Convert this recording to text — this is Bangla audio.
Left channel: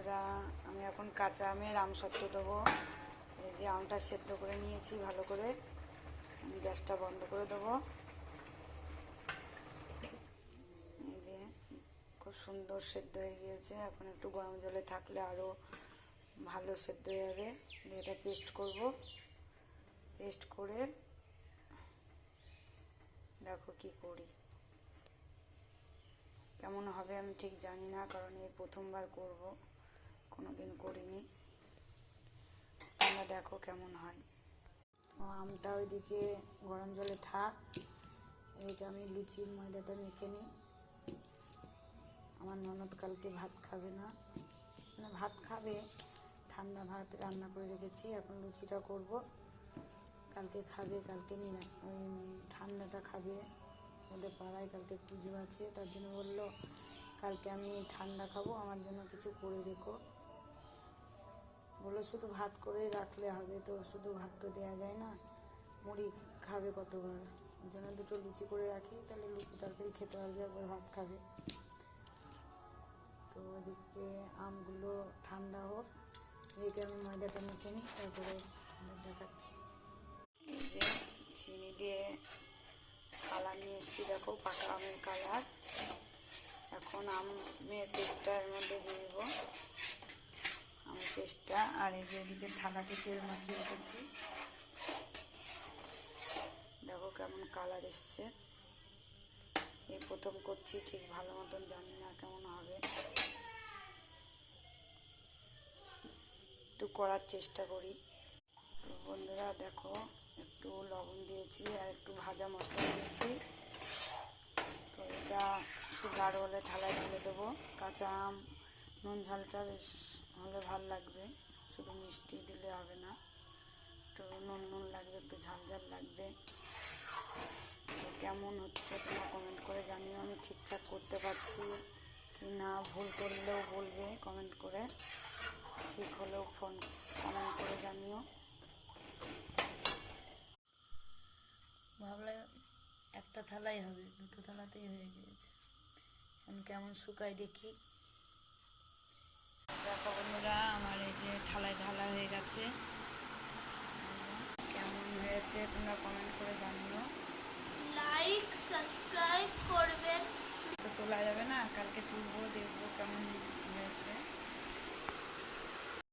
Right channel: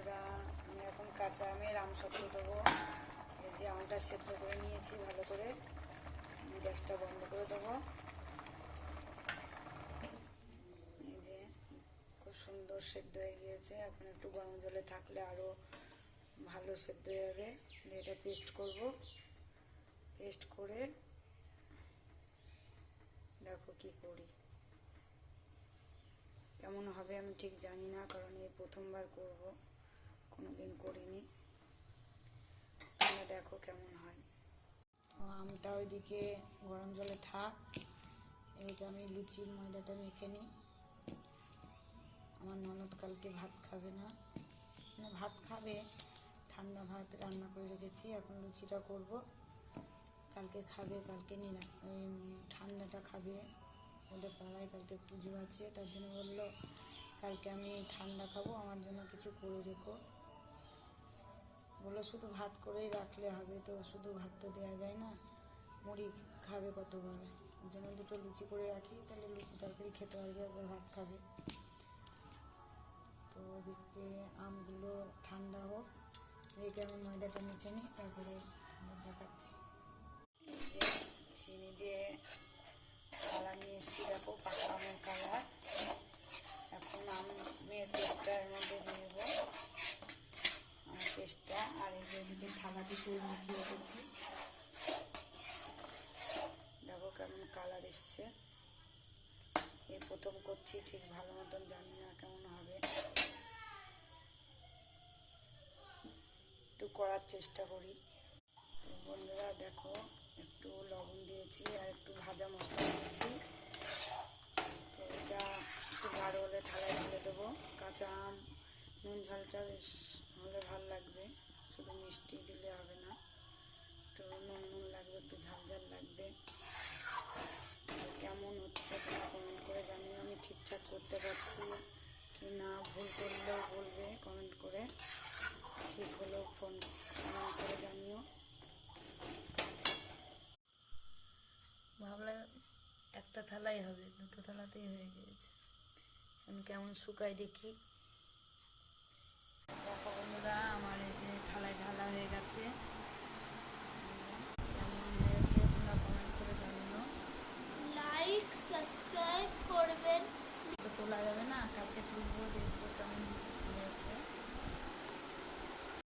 বন্ধুরা, আমি এখন কাঁচা আমের আমসত্ত্ব দেবো। এই যে আমটা সেদ্ধ করে নিয়েছি ভালো করে, গ্যাসটা বন্ধ করে দেবো। এই যে খুব সুন্দর সেদ্ধ হয়ে গিয়েছে। এখন একটু গরম জলে থাকলে আরও ভালো সেদ্ধ হয়ে যাবে। এটা পেস্ট করব। পেস্ট করে দেখো কি করি, কেমন হবে আমি ঠিক জানি না, কারণ এই প্রথমবার করব, কোনো দিন করিনি। তোমরা দেখো কেমন হয়। আমটা ওইদিকে গরম জলে থাক, এদিকে আমি লুচির ময়দাটা মেখে নিই। আমার ননদ কালকে ভাত খাবে না, মানে ভাত খাবে, ঠান্ডা ভাত রান্না করে রেখেছি। এখন লুচিটা করব, কালকে খাবে, কালকে ওই ঠান্ডাটা খাবে। ওদের পাড়ায় কালকে পুজো আছে, তার জন্য বললো কালকে আমি ঠান্ডা খাবো, আমার জন্য কিছু করে রেখো। বললো শুধু ভাত করেই রাখলে হবে, তো শুধু ভাত তো দেওয়া যায় না, মুড়ি খাবে কতবার। ওর জন্য দুটো লুচি করে রাখি, তাহলে লুচি তরকারি খেতে পারবে, একবার ভাত খাবে। তো ওদিকে আমগুলো ঠান্ডা হোক, এদিকে আমি ময়দাটা মেখে নিই, তারপরে দেখাচ্ছি। এই যে চিনি দিয়ে কালার নিয়ে এসেছি, দেখো পাকা আমের কালার। এখন আমের পেস্টটা এর মধ্যে দিয়ে দেবো, আমের পেস্টটা। আর এই যে এদিকে থালাতে তেল মাখিয়ে রেখেছি, দেখো কেমন কালার এসছে। এই প্রথম করছি, ঠিক ভালো মতন জানি না কেমন হবে, একটু করার চেষ্টা করি। তো বন্ধুরা দেখো, একটু লবণ দিয়েছি আর একটু ভাজা মশলা দিয়েছি। তো এটা একটু গাঢ় হলে থালায় ঢেলে দেবো। কাঁচা আম, নুন ঝালটা বেশ হলে ভাল লাগবে, শুধু মিষ্টি দিলে হবে না, একটু নুন নুন লাগবে, একটু ঝাল ঝাল লাগবে। তো কেমন হচ্ছে তোমরা কমেন্ট করে জানিও, আমি ঠিকঠাক করতে পারছি কি না। ভুল করলেও বলবে কমেন্ট করে, ঠিক হলেও কমেন্ট করে জানিও। ভাবলাম একটা থালাই হবে, দুটো থালাতেই হয়ে গিয়েছে। এখন কেমন শুকায় দেখি। দেখো বন্ধুরা, আমার এই যে থালায় ঢালা হয়ে গেছে, কেমন হয়েছে তোমরা কমেন্ট করে জানিও। লাইক সাবস্ক্রাইব করবেন। তো তোলা যাবে না, কালকে তুলবো, দেখবো কেমন হয়েছে।